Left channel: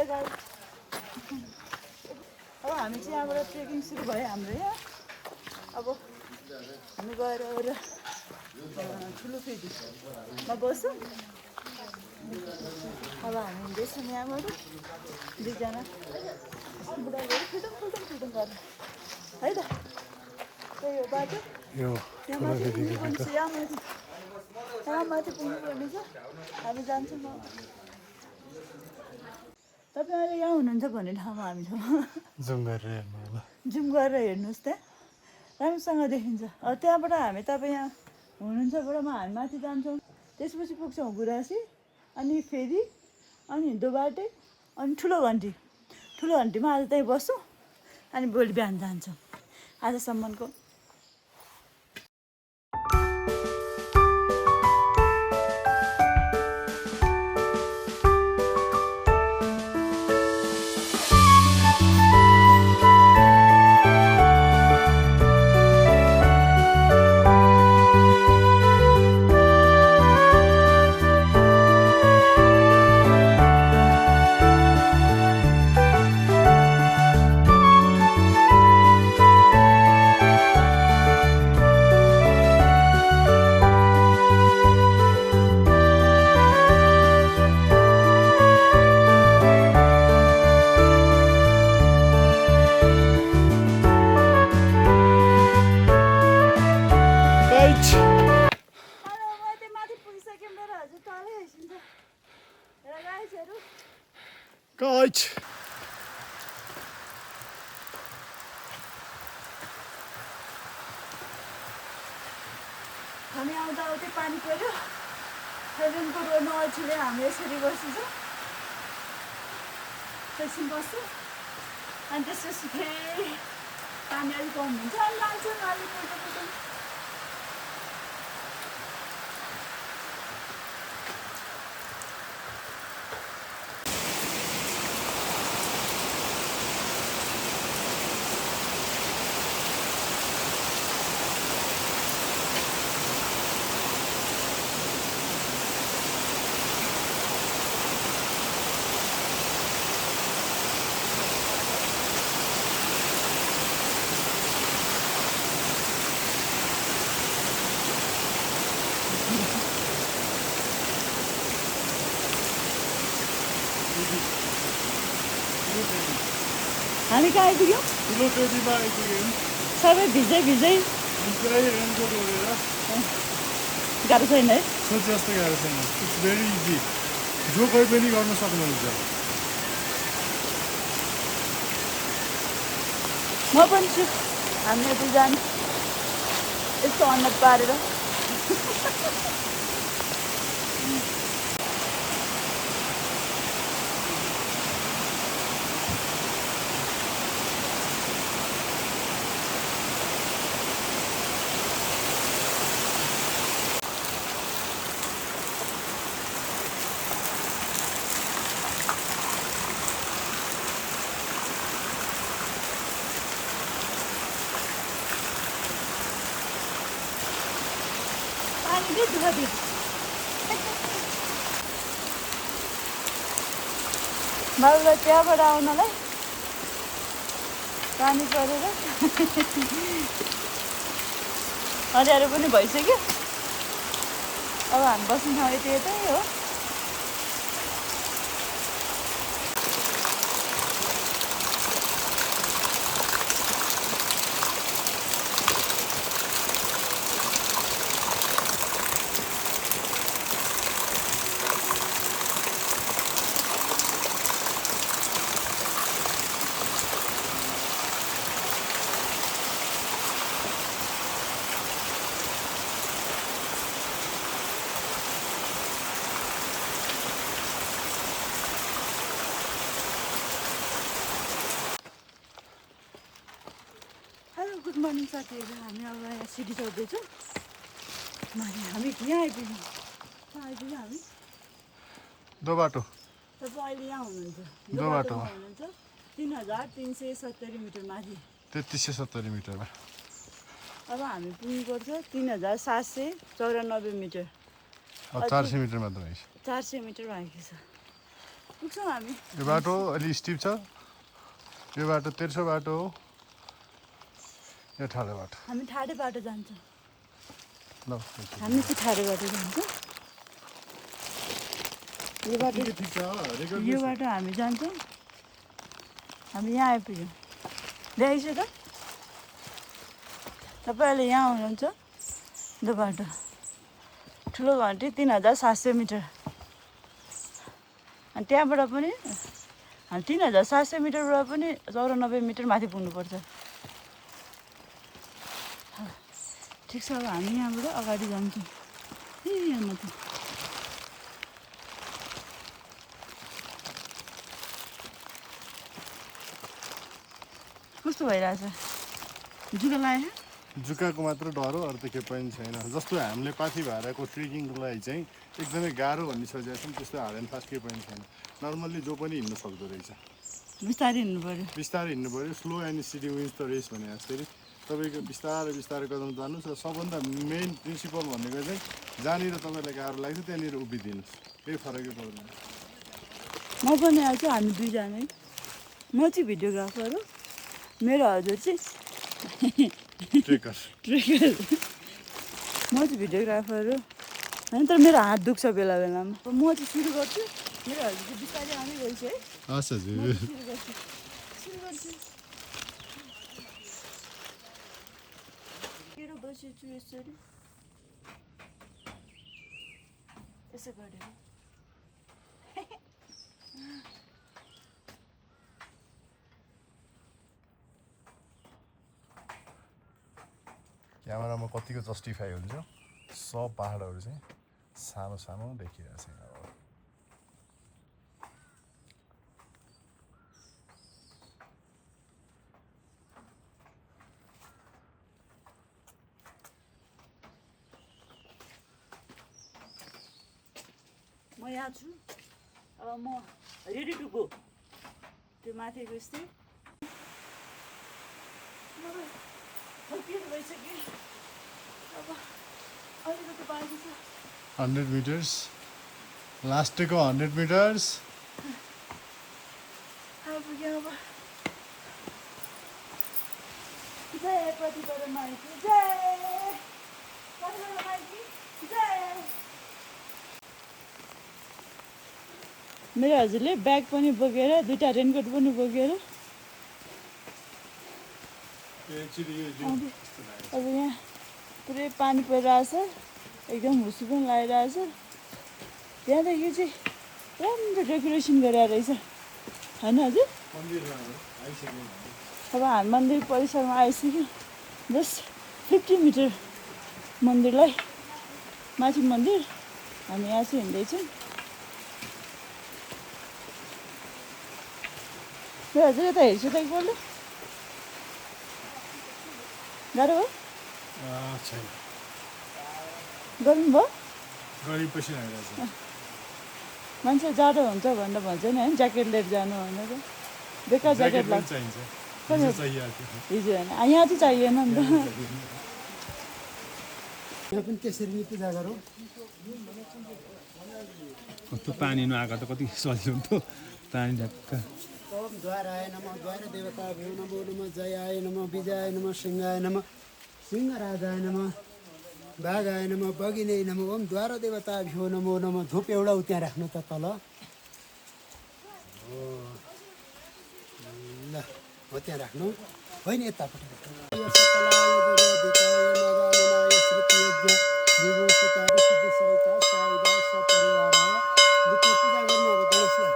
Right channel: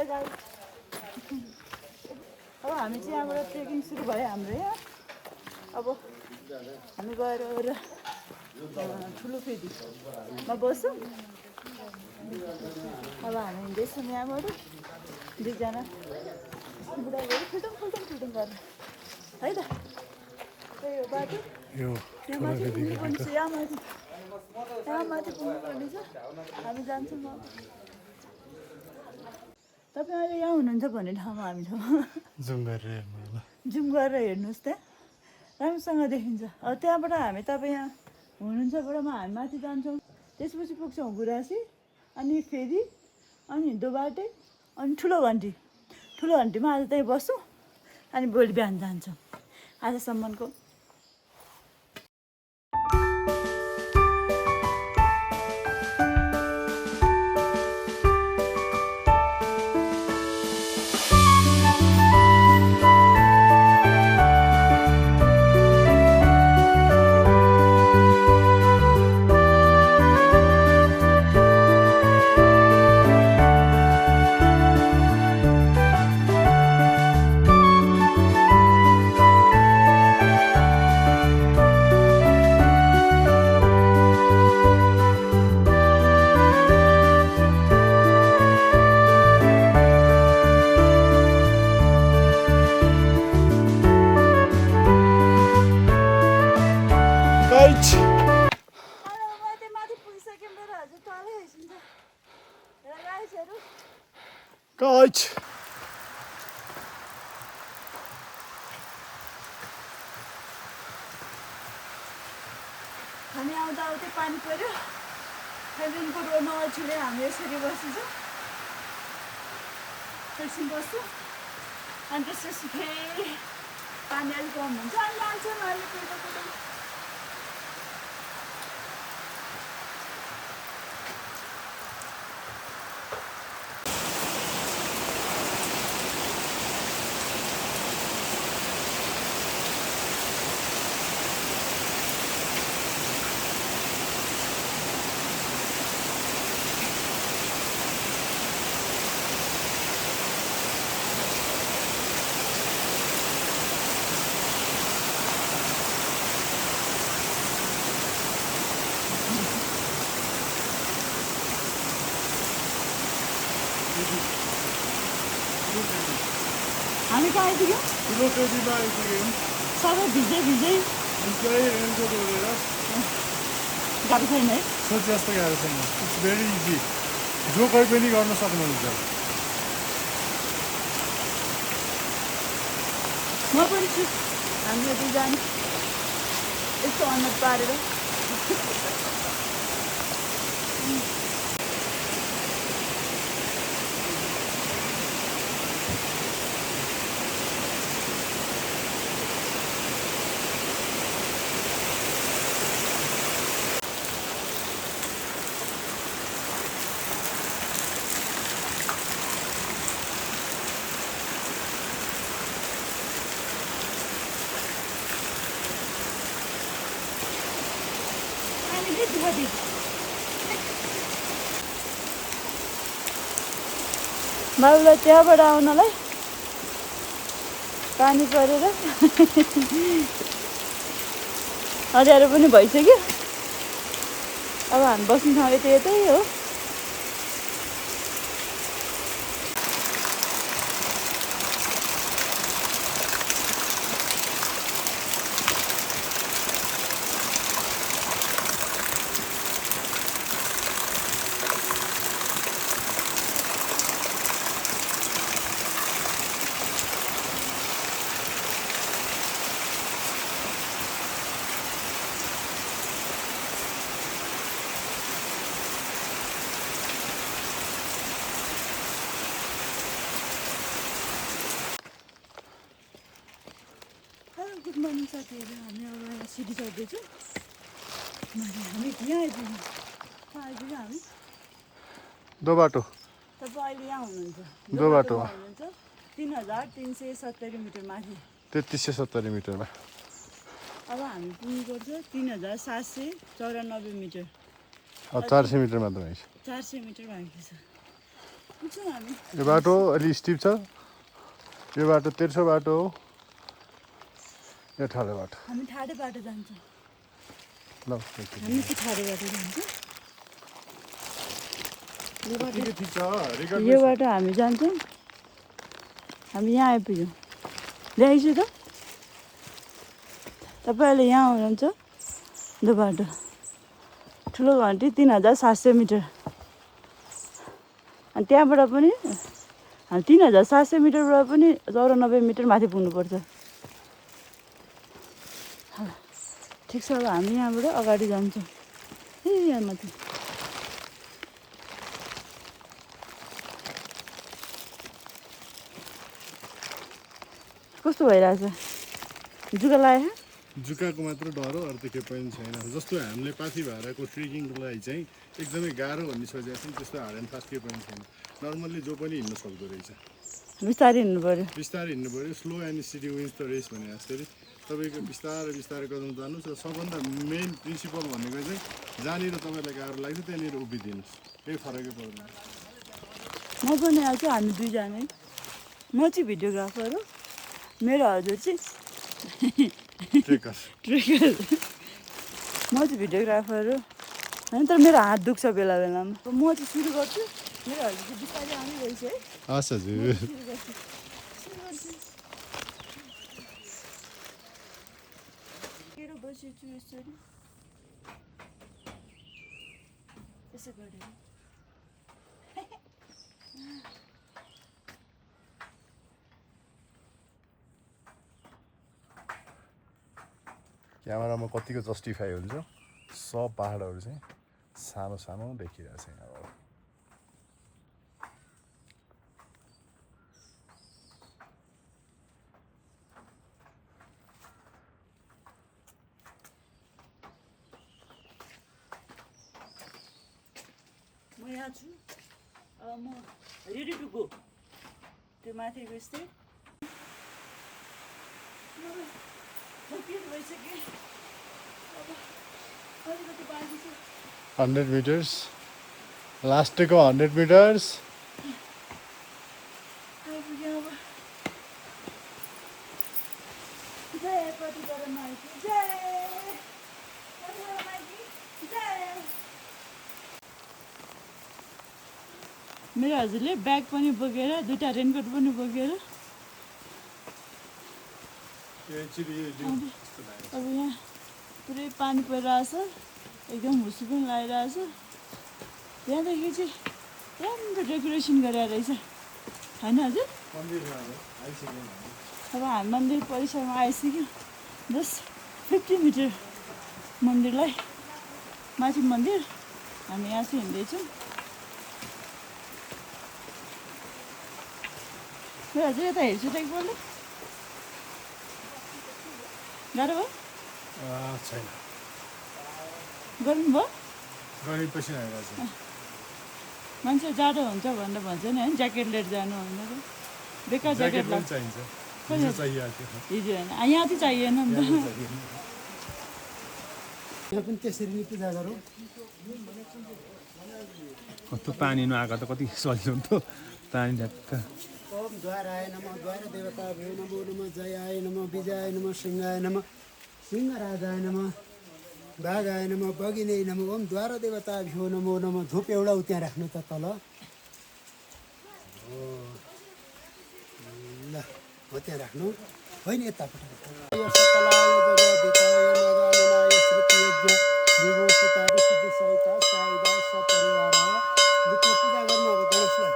hello guys अब हामी चाहिँ यहाँबाट ट्रेकिङ सुरु भयो हाम्रो अब हामी गएर ठुलो फेदीमा बस्छौँ अब हामी हिँड्दैछौँ यहाँबाट दुईजना बुढाहरू फुटुङ गर्नु है त त्यही हो बाटो यहाँ माथि पुग्नुपर्ने छ यहाँ माथि पुग्नुपर्ने छ हामी जान्छौँ अब तपाईँ अहिले यहाँ हुनुहुन्छ भन्ने ठाउँमा हामी छौँ जुम गरेर हेर्नुहोस् त राम्रोसँग देखिन्छ अब त्यहाँबाट हामी तपाईँ यहाँ हुनुहुन्छबाट हामी माथि जान्छौँ त्यसपछि पुग्छौँ गुराँसी अनि फेरि अनि दोबाटे अनि ठुलो घन्टीमा आज त्यहीँ बस्छौँ अनि भोलि बिहान जान्छौँ आजसम्मको हामी आउँदा आउँदै पानी पर्यो रुमको रोडमा अछुले हामी यसरी बस्छौँ एकछिन बस्छौँ अनि त्यसपछि फेरि पानी अलिक कम हुन्छ अनि लान्छौँ अलिक हामी कहाँ आइपुग्यौँ ठुलो फेदीमा आइपुग्यौँ सबै भिजै रेनकोट ओढेर गाह्रो छैन है सोच जस्तो गाह्रो छैन इट्स भेरी इजी जो कोही पनि गर्न सक्नुहुन्छ म पनि छु हामी दुईजना यस्तो अनुहार पारेर मैले त्यहाँबाट आउनलाई पानी परेर अँध्यारो पनि भइसक्यो अब हामी बस्नु थालेको त्यही हो गुड मर्निङ साथीहरू हामी अब यहाँ सिडी चढ्दैछौँ हामी यहाँ आइपुग्यौँ हामी दोबाटो तपाईँ अहिले यहाँ हुनुहुन्छ दोबाटोमा हुनुहुन्छ 3370 मिटर माथि 3370 मिटरमा अब हामी पुग्नुपर्छ 3794 मिटर 400 मिटर मात्र 400 मिटर बाँकी छ पुग्छौँ हामी यो बाटो अलि स्टिप छ यो बाटो तेर्सो बाटो हो यो ठाडो बाटो हामी ठाडो बाटो जान्छौँ ल हामी चाहिँ ठाडो बाटो जान्छौँ यो बाटो ठिक छ यो बाटो हामी जान्छौँ हामी यहाँ आइपुग्यौँ ल्याइछु त तपाईँले यहाँ हुनुहुन्छ यो बाटो ठुलो घन्टी 3700 मिटर अनि त्यहाँबाट पनि 3700 मिटरबाट पनि 94 मिटर माथि पुग्नुपर्छ ठिक छ अब हामी यहाँबाट अगाडि जान्छौँ यहाँ माथि कस्तो भइरहेछ जुका लाग्यो जुकाको मात्र डर हो अरू त केही पनि छैन जस्तो हामीले पाथी भाडाको ट्रेकिङको लागि चाहिँ एकदमै गाह्रो भन्ने सोचेको छौँ त्यस्तो हार्ड एन्ड फास्ट केही पनि छैन नर्मल्ली जो पनि हिँड्नु सक्दो रहेछ बिस्तारै हिँड्नु पऱ्यो बिस्तारै हिँड्नु पऱ्यो slow and steady wins the race भने जस्तै तपाईँको बिस्तारै बिस्तारै कदम जानुहोस् र सबभन्दा मेन प्रिन्सिपल भनेको चाहिँ जहाँनिर तपाईँलाई गाह्रो लाग्छ त्यहाँनिर उभिदिनुहोस् केही फरकै पर्दैन म पनि आएको हामी दुईजना म चाहिँ भिडियोग्राफर हो मेरो हजुर चाहिँ ट्रेकर ट्रेकर म चाहिँ भिडियोग्राफर हो होइन तर मेरो हात दुख्छ बेला बेलामा म चाहिँ सुरु गर्छु मेरो हजुर चाहिँ बिस्तारै आउँदै रहेछ है हस् हजुर सुरु गर्छु केरो बसेछु यसरी यसो गरेर क्यामेरामा कतिको जस्टिफाई हुन्छ सब पाहाडहरू चाहिँ सानो सानो देखिरहेको छ यहाँ म यहाँ छु अब म रेडी टु गो त्यो माथिको यस्तै भइसक्यो अब अलिकति बाँकी छ 100 मिटर्स लास्टको 100 मिटर्स आइपुग्यो अब जय प्रतिपदा माइती जय प्रतिपदा माइती जय मेरो हजुरले ब्याग पनि बोकेर दुईवटा रेनकोट पनि बोकेर अब यहाँ पुरै पानी परिरहेछ एकदम भुसु पनि लागिरहेछ त्यहाँदेखि चाहिँ राम्रो डेकोरेसन गरेर रहेछ होइन हजुर अब हामी मन्दिर परिसरमा आइसक्यो जस्ट 50 मिटर मन्दिरलाई माथि मन्दिर हामी यहाँ चाहिँ हिँड्दैछौँ हजुर यता हेर्छु त एकपल्ट गाह्रो हो छैन गर्नुभयो गरेपछि आइरहेको छ मान्छे जाडो हुन्छ भनेर भन्छ नि होइन ज्याकेट लिएर जानु भनेर बेकार ज्याकेट पनि चाहिन्छ हिजो चाहिएको हिजो होइन यहाँ चाहिँ चाहिएन नि त यहाँ पनि त्यसरी नै पूजा गरौँ कस्तो पानी नआएको त कति सजिलो हुन्थ्यो पानी ढ्याक्क ओम द्वाराय नमः द्वार देवताभ्यो नमो नमः जयाय नमः विजयाय नमः सिंहाय नमः सिंहराजाय नमः बाघाय नमः बगिने नमः ओम द्वार देवताभ्यो नमो नमः धुप एउटा त्यहाँ राख्नु त तल ल हो त्यहाँ राख्नु होइन यतापट्टि पूजा गर्नु अब गणेशलाई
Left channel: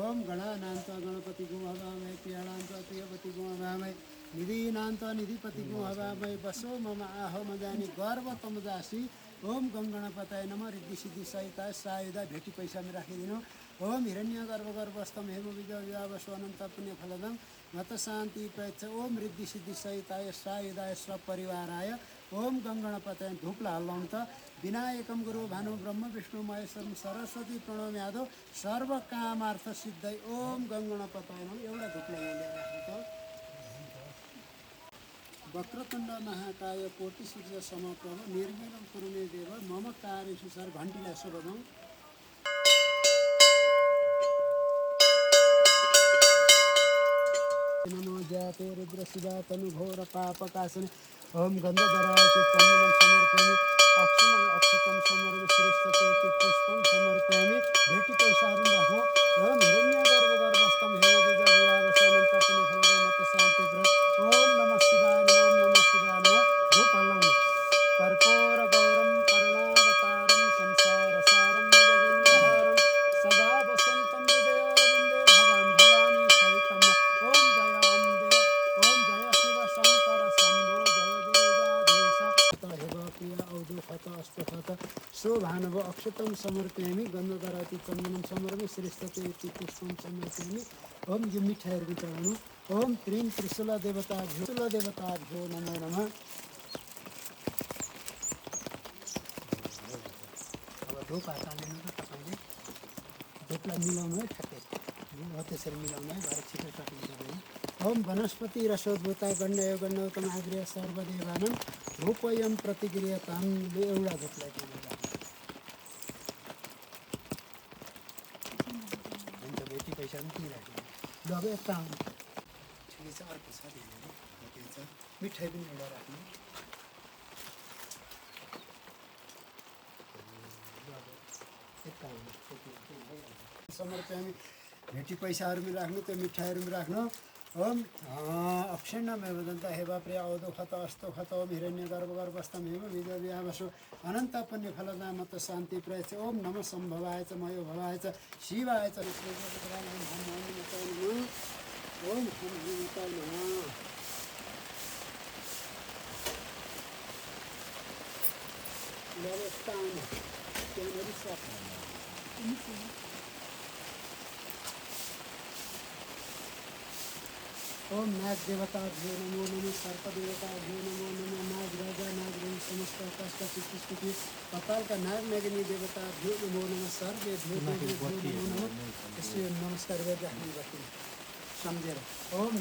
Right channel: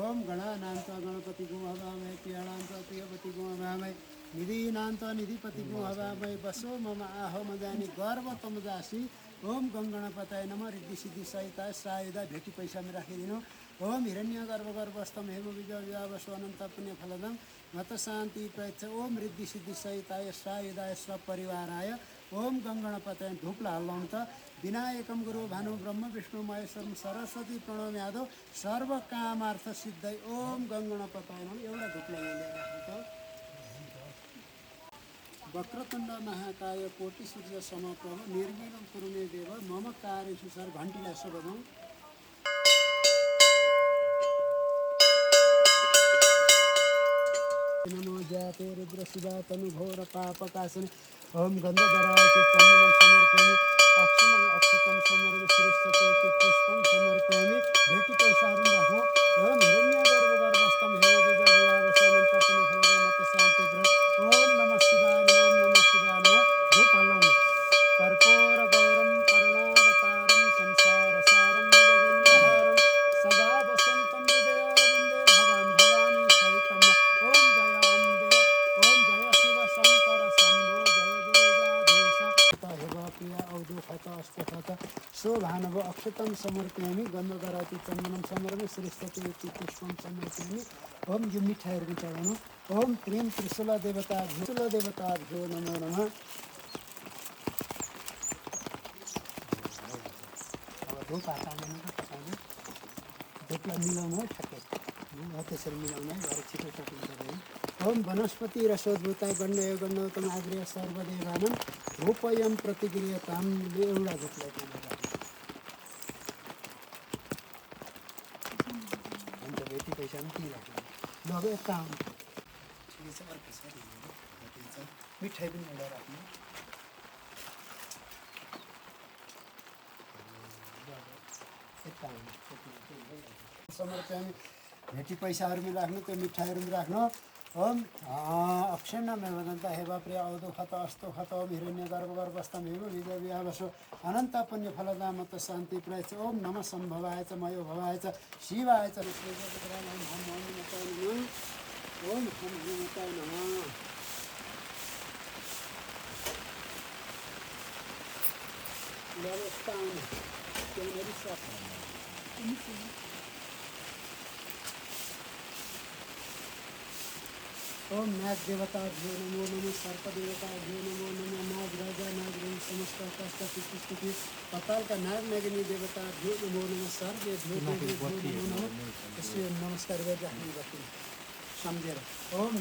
ओम गणानान्त गणपति गुं हवामहे प्रियाणान्त प्रियपति गुं हवामहे निधिनान्त निधिपति गुं हवामहे बसो मम आहो मजानी गर्व तम जासी ओम गणपताय नमः रिद्धि सिद्धि सहिता सायुधा भेटी पैसामा राखिदिनु ओम हिरण्य गर्भ गर्भस्तम हेम विजय विवावसो अनन्त पुण्य फलदम मत शान्ति प्रयच्छ ओम रिद्धि सिद्धि सहिताय सायुधाय सपरिवाराय ओम गणपताय धुपला हल्लाउनु त विनायकम गुरु भानु ब्रह्म विष्णु महेश्वरम सरस्वती प्रणव यादव सर्व कामार्थ सिद्धै ओम गणपताय नमः एउटा धुपला ल्याएर राख्नु त वक्रतुण्ड महाकाय कोटि सूर्य समप्रभ निर्विघ्नं कुरु मे देव मम कार्येषु सर घन्टीलाई सुबभं नमो जाते रुद्र शिवा तनु घोर पापकासने ओम गन्धधरायति चन्दनं समर्पयामि अक्षमं अक्षतं समर्पयामि श्रेष्ठते पुष्पं समर्पयामि भेटी पैसाहरू राखौँ ओम हिरण्यगर्भगर्भस्थं हेमविजयविहारसनं तपनि फलगमत शान्ति व्रत ओम नमः शिवाय ओम नमः शिवाय नमः धूप हल्लाउनु कर्पूर गौरम करुणावतारम संसारसारम भुजगेन्द्रहारम सदा वसन्तं हृदयारविन्दे भवान् भवानी सहितं ओम जय अम्बे ओम जय शिव शंकर शम्भो जय दुर्गाधीश हेव प्रिया औदुखत अस्तखत शोभानव अक्षतं समर्पयामि गन्धधराति चन्दनं समर्पयामि श्रेष्ठते इति पुष्पं समर्पयामि ओम यो मिठाईहरू चढाउनु ओम त्रिं त्रिशूल देवताभ्यो नमो नमः अब धूप हात हाल्नु त तपाईँले धूपलाई मिलाउनु है ठ्याक्कै हो त्यसरी मिलाउनु है भरे छिटो चटिन्छ है ओम वनस्पति रसोद्भूताय गण्डय गण्डोत्तम आग्र्य सर्वदेवानं रूपयं प्रतिक्रियताम एउटा धूपलाई त्यहाँ राख्नु हुन्छ भेटी पैसा पनि त्यहीँ राख्नु ल अब यता आउनु ठिकै छ अर्को छ ठिकै छ मिठाई पनि एउटा राख्नु यता आउनु समर्पयामि भेटी पैसाहरू पनि राख्नु त्यो मिठाईहरू पनि राख्नु ओम अक्षण्णमे वदन्त हेवा प्रिय औदुखत अस्तोखत ओम हिरण्यगर्भगर्भस्थं हेम विजयविहामसु अनन्त पुण्यफलदामत शान्ति प्रयच ओम नमः सम्भवाय च मयो भवाय च शिवाय च ओम हनुमताय नमः लवस्तान केनरी साथ ओम नाग देवताभ्यो नमो नमः सर्प देवताभ्यो नमो नमः नाग राजा नाग रही समस्त आकाश का स्थिति पताल का नाग नागिनी देवताभ्यो नमो नमः सर्वेभ्यो नमो नमः इसलिए नमस्कार गरेर राख्नु पर्छ सम्झेर ओम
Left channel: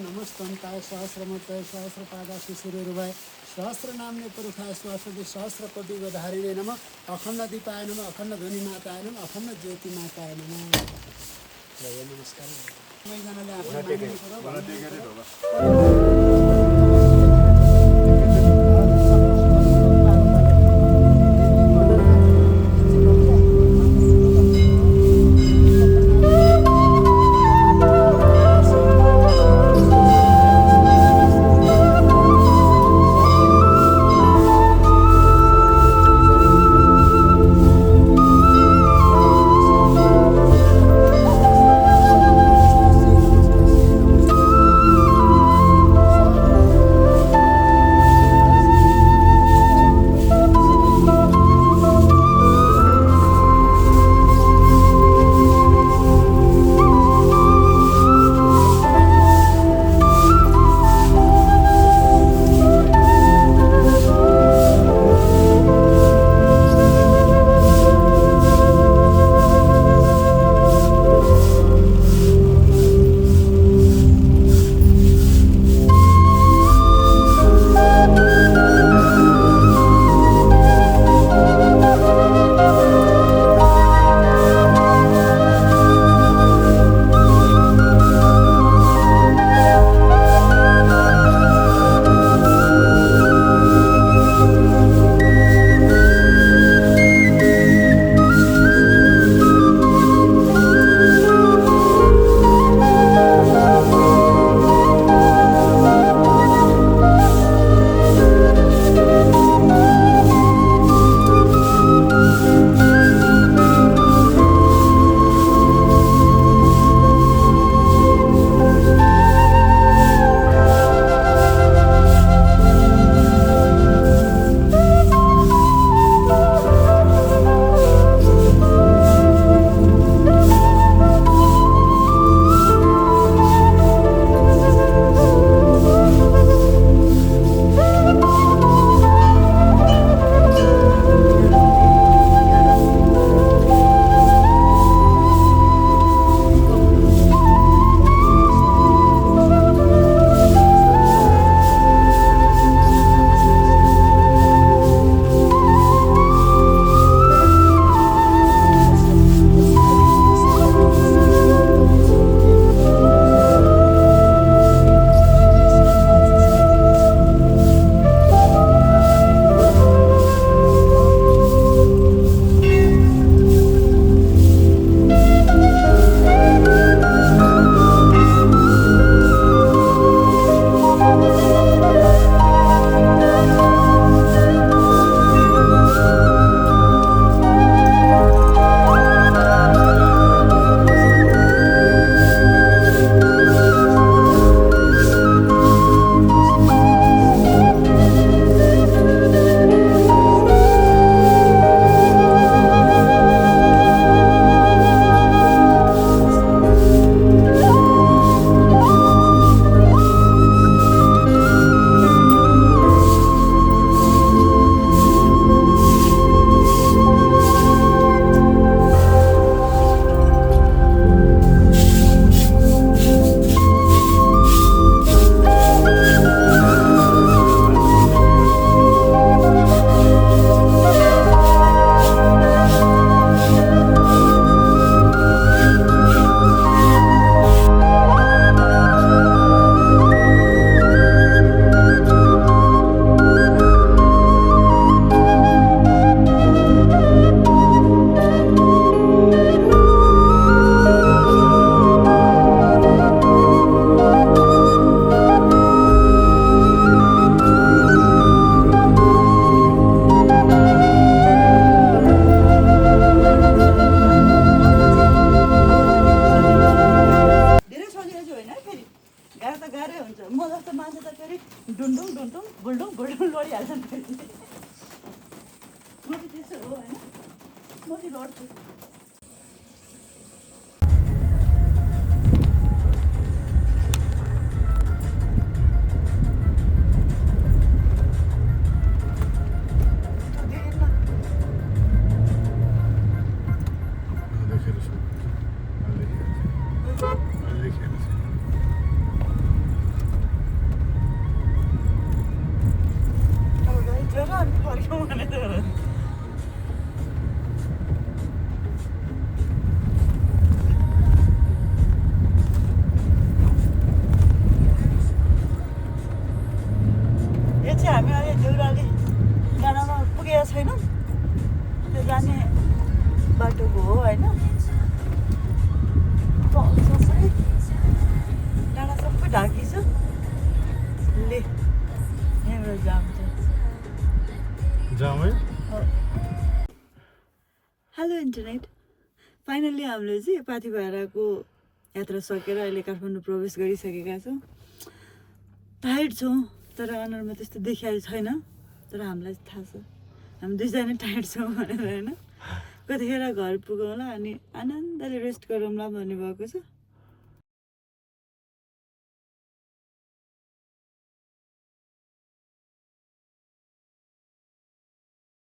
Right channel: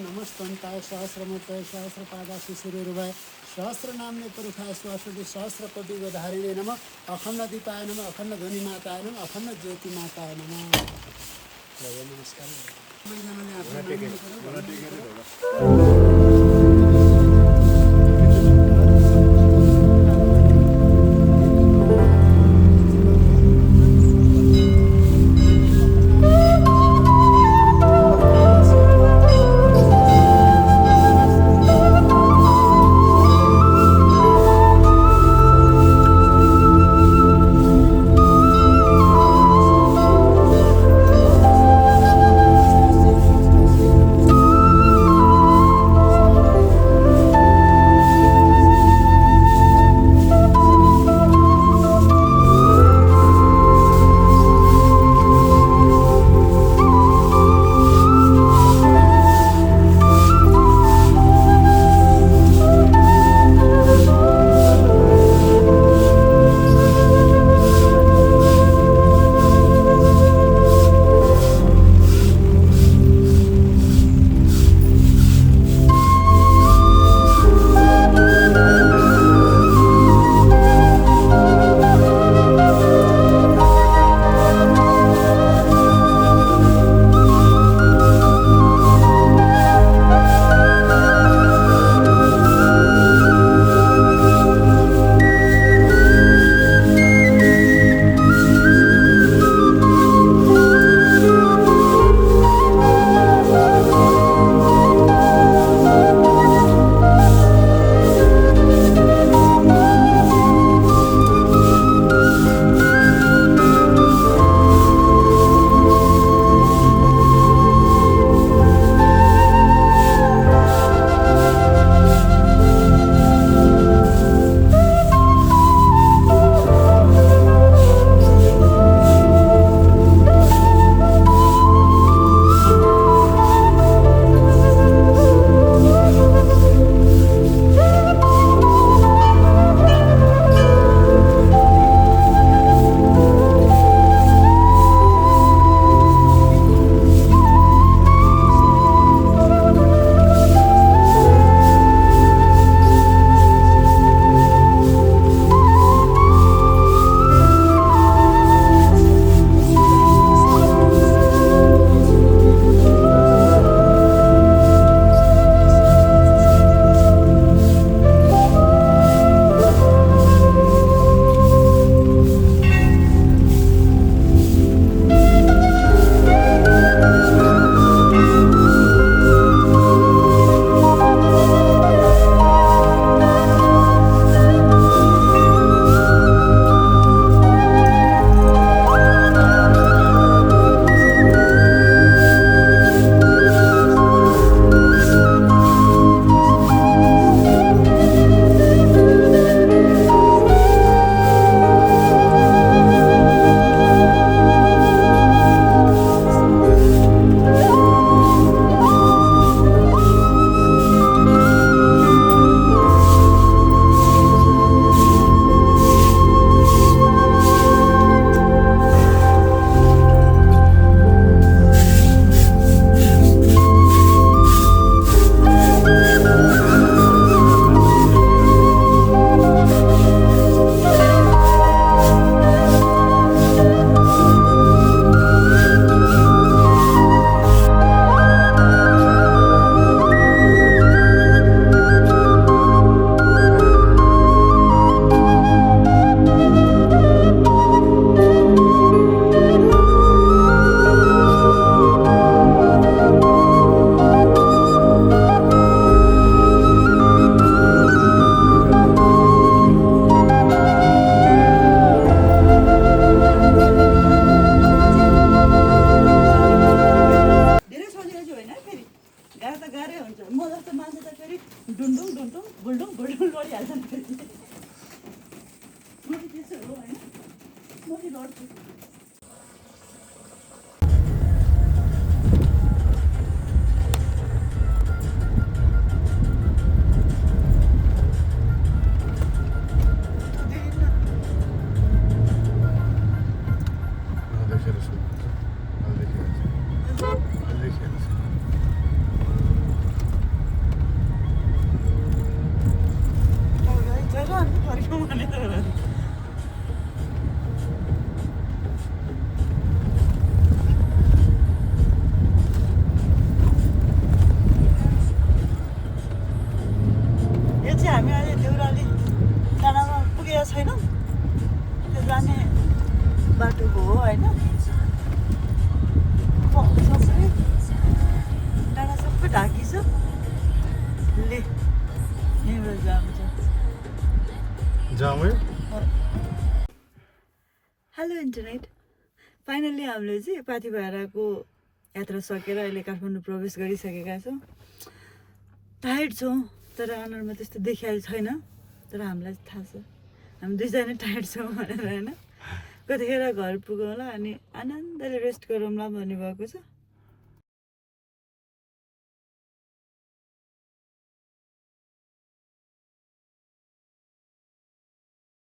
नमस्तन्ताय सहस्रमतय सहस्रपादासु सूर्यरूपाय सहस्र नाम्ने पुरुषाय स्वासुदि सहस्र कोटि धारिणे नमः अखण्ड दीपाय नमः अखण्ड ध्वनि माताय नमः अखण्ड ज्योति माताय नमः नमस्कार सबैजनाले आफ्नो गाह्रै हुन्छ म जस्तो मान्छे त फेरि डुन्डुङ डुन्डुङ बुल्डुङ बुल्डुङ लडिहाल्छ नि फेरि म चाहिँ त्यसो हो होइन म चाहिँ लड्छु हेलो इन्टरनेट फाइनल्ली हामीले चाहिँ पाथिभराको यात्रा सकेर अहिले काठमाडौँ प्रवेश गरिसकेका छौँ टायर्ड छौँ तर अनुहारमा त्यस्तो देखिएको छैन तर हामीलाई थाहा छ हामी दुईजना टायर्ड छौँ भनेर होइन कतिखेर घर पुगौँला अनि आनन्दले रेस्ट गरौँला भन्ने भएको छ